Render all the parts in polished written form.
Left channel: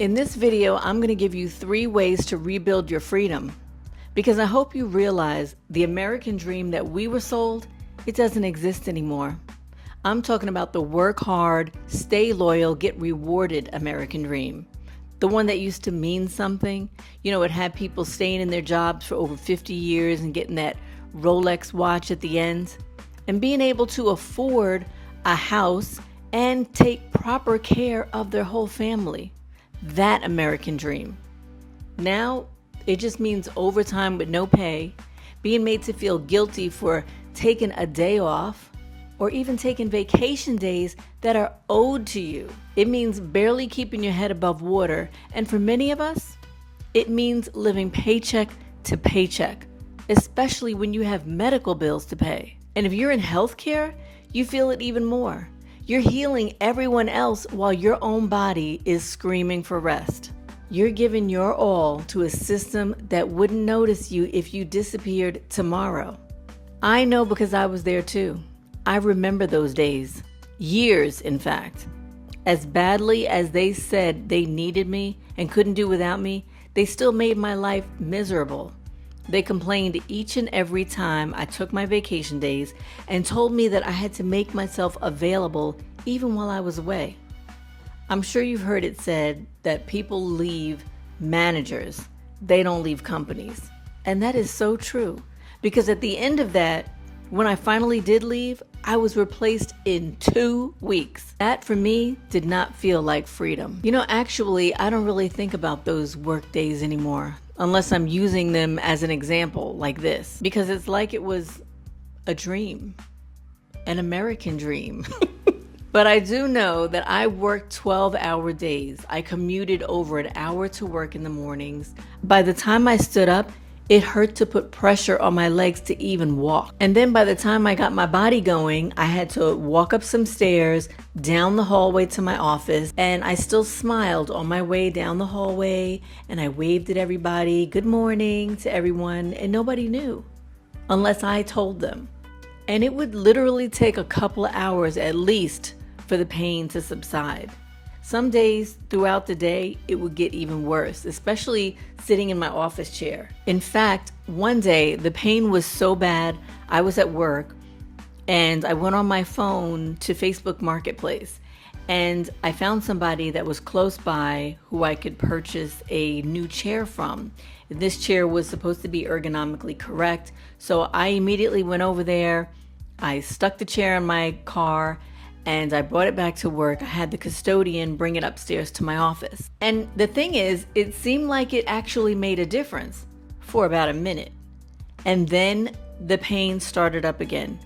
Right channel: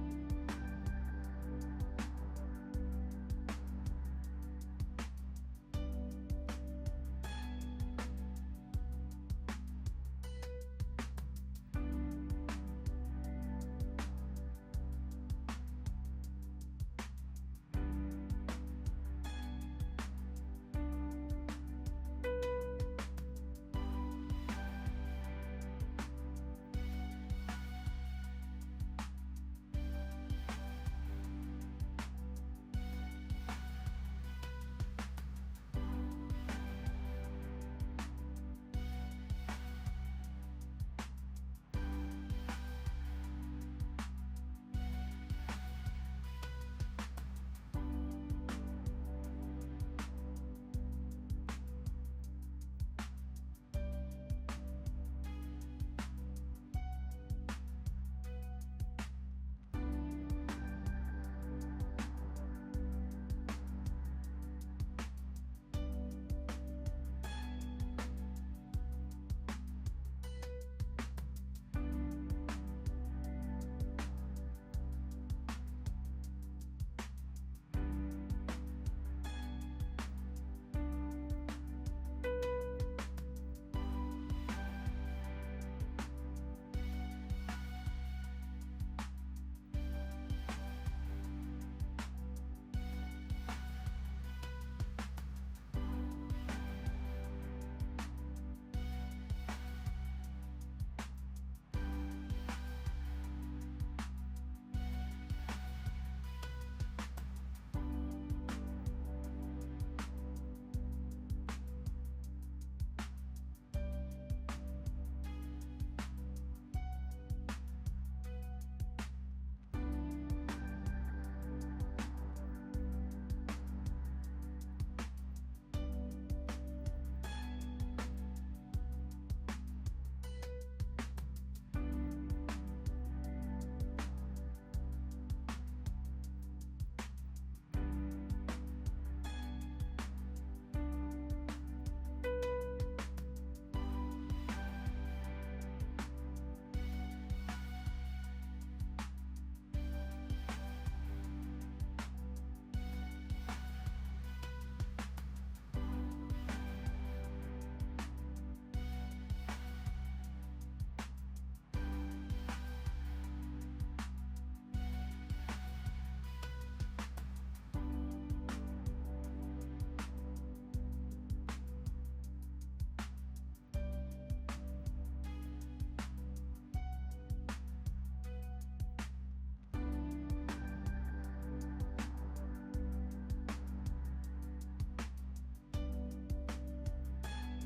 In this video, I'm going to give you 3 ways to rebuild your freedom, because I hope you realize the American dream that we were sold, it doesn't exist anymore. I'm talking about the work hard, stay loyal, get rewarded American dream. The one that used to mean something. You know, it had people staying in their jobs for over 50 years and getting that Rolex watch at the end, and being able to afford a house and take proper care of their whole family. That American dream. Now, it just means overtime with no pay, being made to feel guilty for taking a day off, or even taking vacation days that are owed to you. It means barely keeping your head above water, and for many of us, it means living paycheck to paycheck, especially when you have medical bills to pay. And if you're in healthcare, you feel it even more. You're healing everyone else while your own body is screaming for rest. You're giving your all to a system that wouldn't notice you if you disappeared tomorrow. I know because I was there too. I remember those days. Years, in fact. As badly as they said they needed me and couldn't do without me, they still made my life miserable. They complained each and every time I took my vacation days and told me that I had to make myself available even while I was away. I'm sure you've heard it said that people leave managers, they don't leave companies. And that is so true, because at the end of that, when I finally did leave, I was replaced in 2 weeks. That for me did not feel like freedom. You know, actually, I don't really think about those work days anymore, unless I'm using them as an example like this, because it's like it was a dream, an American dream. But I do know that I worked 12-hour days. I commuted over an hour to work in the mornings. By the time I stood up, it hurt to put pressure on my legs to even walk. And then by the time I got my body going, I had to walk up some stairs, down the hallway to my office, and I still smiled on my way down the hallway, and I waved at everybody, good morning to everyone, and nobody knew, unless I told them. And it would literally take a couple of hours at least for the pain to subside. Some days throughout the day, it would get even worse, especially sitting in my office chair. In fact, one day, the pain was so bad, I was at work, and I went on my phone to Facebook Marketplace, and I found somebody that was close by who I could purchase a new chair from. This chair was supposed to be ergonomically correct, so I immediately went over there, I stuck the chair in my car, and I brought it back to work. I had the custodian bring it upstairs to my office. And the thing is, it seemed like it actually made a difference for about a minute. And then the pain started up again.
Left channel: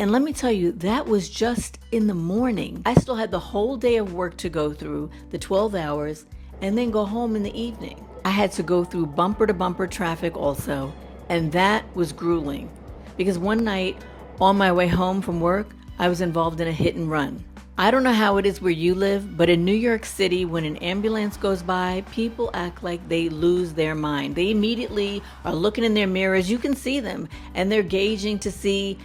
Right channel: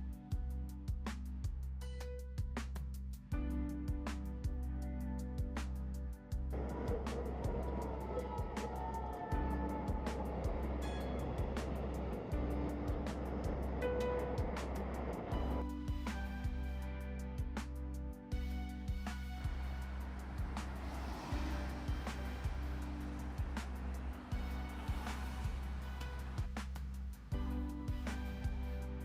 And let me tell you, that was just in the morning. I still had the whole day of work to go through, the 12 hours, and then go home in the evening. I had to go through bumper to bumper traffic also, and that was grueling. Because one night, on my way home from work, I was involved in a hit and run. I don't know how it is where you live, but in New York City, when an ambulance goes by, people act like they lose their mind. They immediately are looking in their mirrors. You can see them, and they're gauging to see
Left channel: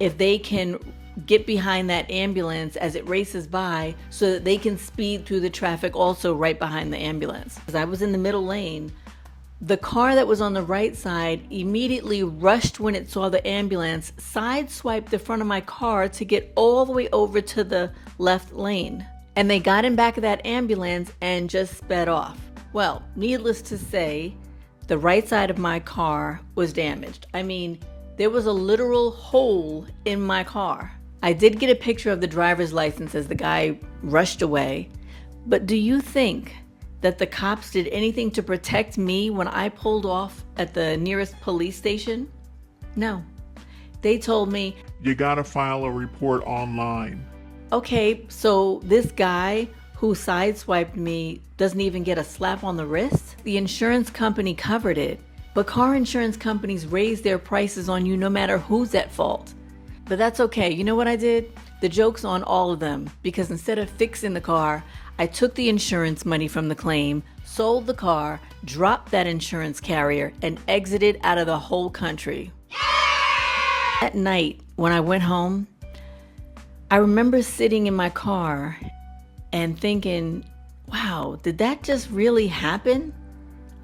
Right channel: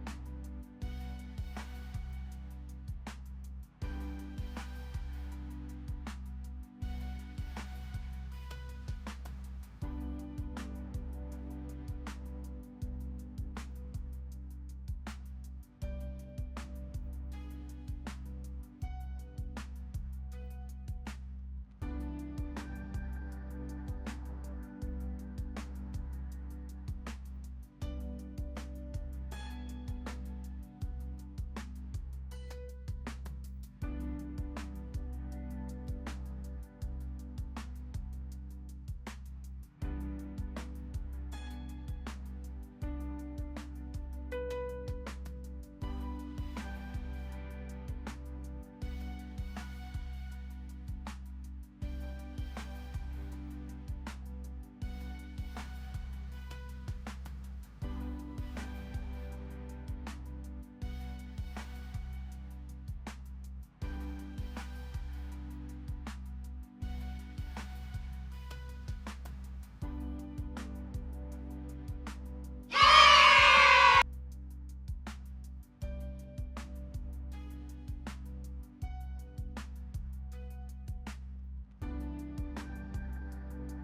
if they can get behind that ambulance as it races by so that they can speed through the traffic also right behind the ambulance. Because I was in the middle lane, the car that was on the right side immediately rushed when it saw the ambulance, sideswiped the front of my car to get all the way over to the left lane. And they got in back of that ambulance and just sped off. Well, needless to say, the right side of my car was damaged. I mean, there was a literal hole in my car. I did get a picture of the driver's license as the guy rushed away. But do you think that the cops did anything to protect me when I pulled off at the nearest police station? No. They told me, you gotta file a report online. Okay, so this guy who sideswiped me doesn't even get a slap on the wrist? The insurance company covered it, but car insurance companies raise their prices on you no matter who's at fault. But that's okay. You know what I did? The joke's on all of them, because instead of fixing the car, I took the insurance money from the claim, sold the car, dropped that insurance carrier, and exited out of the whole country. That night, when I went home, I remember sitting in my car and thinking, wow, did that just really happen?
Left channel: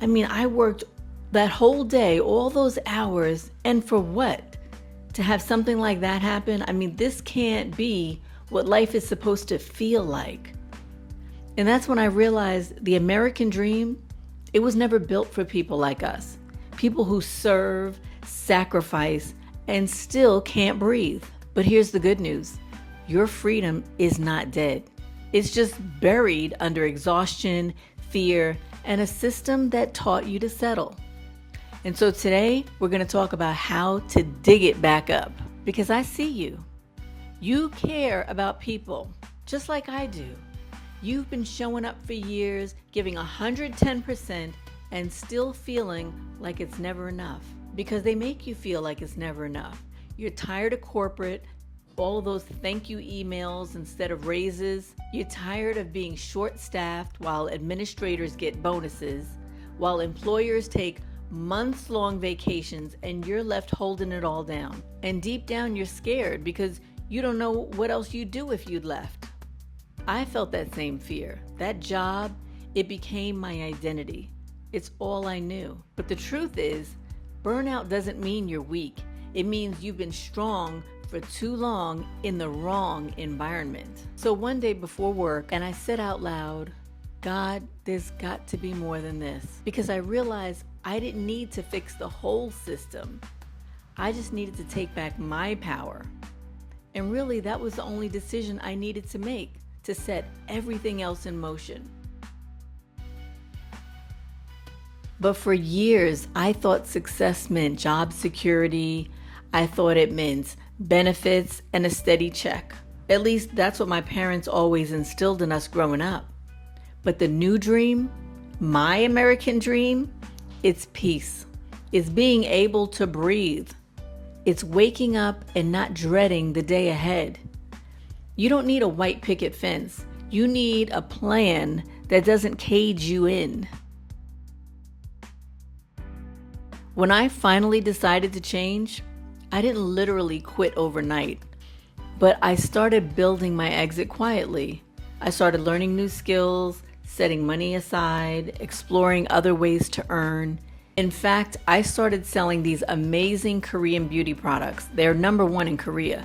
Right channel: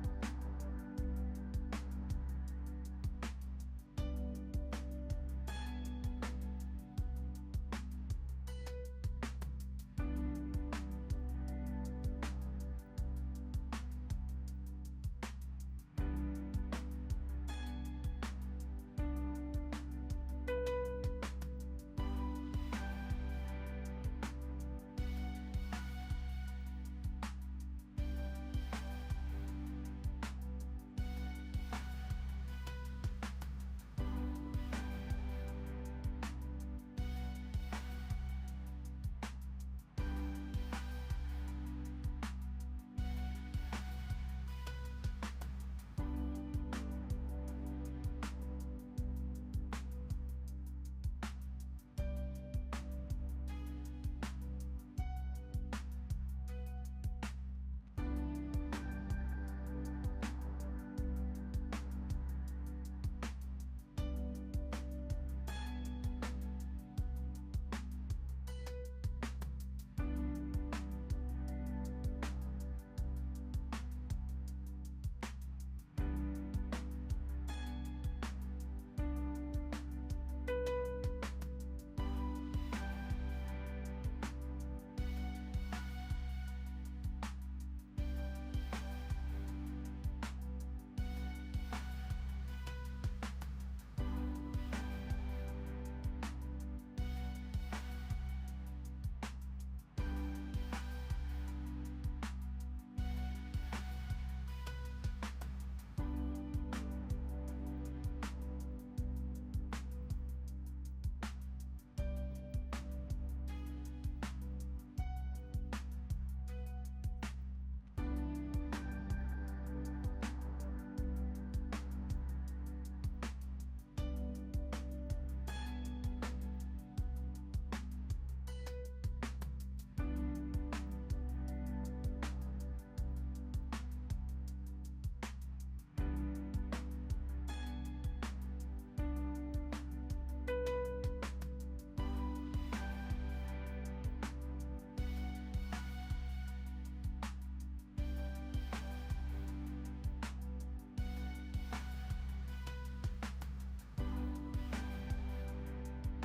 I mean, I worked that whole day, all those hours, and for what? To have something like that happen? I mean, this can't be what life is supposed to feel like. And that's when I realized the American dream, it was never built for people like us. People who serve, sacrifice, and still can't breathe. But here's the good news. Your freedom is not dead. It's just buried under exhaustion, fear, and a system that taught you to settle. And so today, we're going to talk about how to dig it back up. Because I see you. You care about people, just like I do. You've been showing up for years, giving 110%, and still feeling like it's never enough. Because they make you feel like it's never enough. You're tired of corporate, all of those thank you emails instead of raises. You're tired of being short-staffed while administrators get bonuses, while employers take months-long vacations and you're left holding it all down. And deep down you're scared because you don't know what else you'd do if you'd left. I felt that same fear. That job, it became my identity. It's all I knew. But the truth is, burnout doesn't mean you're weak. It means you've been strong for too long in the wrong environment. So one day before work, and I said out loud, God, there's got to be more than this. Because I realized I didn't need to fix the whole system. I just needed to take back my power. And really, that was the only decision I needed to make to set everything else in motion. But for years, I thought success meant job security. I thought it meant benefits and a steady check. At least that's what my parents always instilled in us growing up. But the new dream, my American dream, it's peace. It's being able to breathe. It's waking up and not dreading the day ahead. You don't need a white picket fence. You need a plan that doesn't cage you in. When I finally decided to change, I didn't literally quit overnight, but I started building my exit quietly. I started learning new skills, setting money aside, exploring other ways to earn. In fact, I started selling these amazing Korean beauty products. They're #1 in Korea,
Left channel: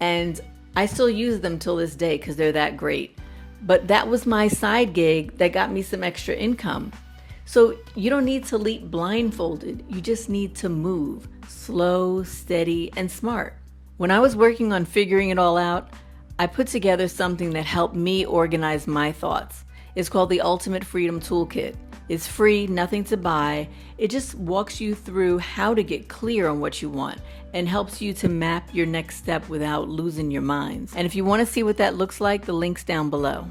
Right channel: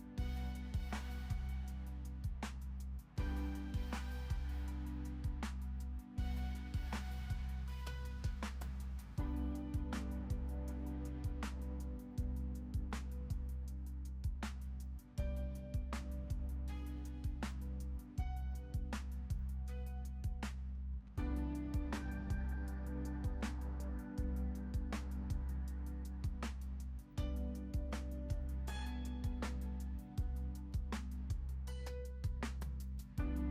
and I still use them till this day because they're that great. But that was my side gig that got me some extra income. So you don't need to leap blindfolded. You just need to move slow, steady, and smart. When I was working on figuring it all out, I put together something that helped me organize my thoughts. It's called the Ultimate Freedom Toolkit. It's free, nothing to buy. It just walks you through how to get clear on what you want and helps you to map your next step without losing your minds. And if you want to see what that looks like, the link's down below.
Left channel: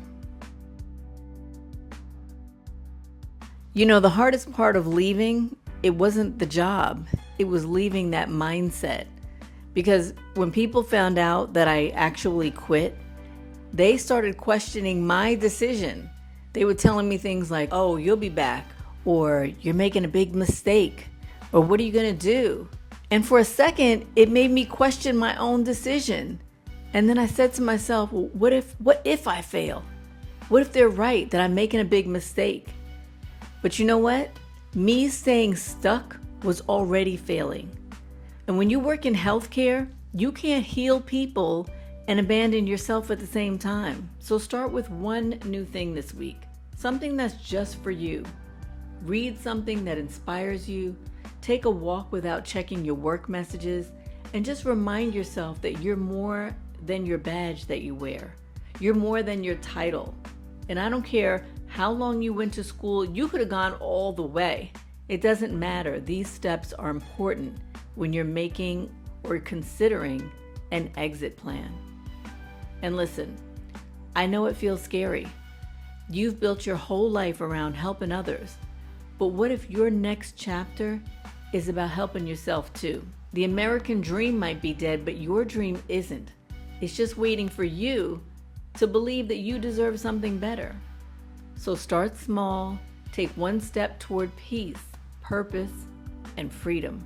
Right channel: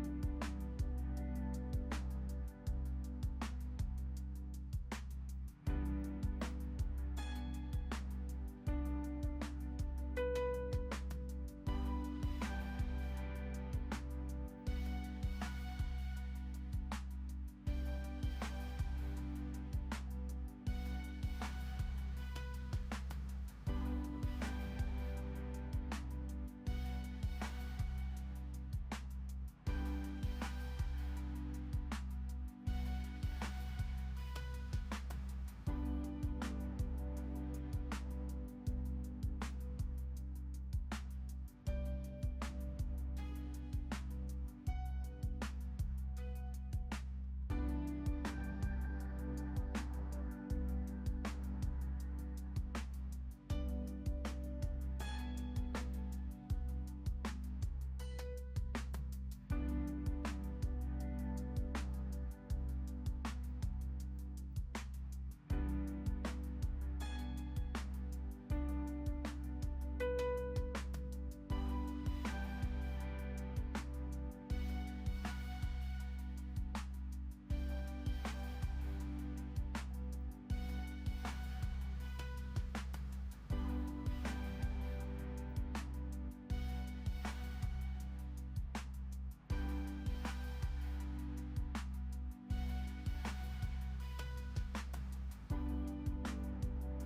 You know, the hardest part of leaving, it wasn't the job. It was leaving that mindset. Because when people found out that I actually quit, they started questioning my decision. They were telling me things like, oh, you'll be back, or you're making a big mistake, or what are you gonna do? And for a second, it made me question my own decision. And then I said to myself, well, what if I fail? What if they're right, that I'm making a big mistake? But you know what? Me staying stuck was already failing. And when you work in healthcare, you can't heal people and abandon yourself at the same time. So start with one new thing this week, something that's just for you. Read something that inspires you, take a walk without checking your work messages, and just remind yourself that you're more than your badge that you wear. You're more than your title. And I don't care how long you went to school, you could have gone all the way. It doesn't matter. These steps are important when you're making or considering an exit plan. And listen, I know it feels scary. You've built your whole life around helping others. But what if your next chapter is about helping yourself too? The American dream might be dead, but your dream isn't. It's just waiting for you to believe that you deserve something better. So start small, take one step toward peace, purpose, and freedom.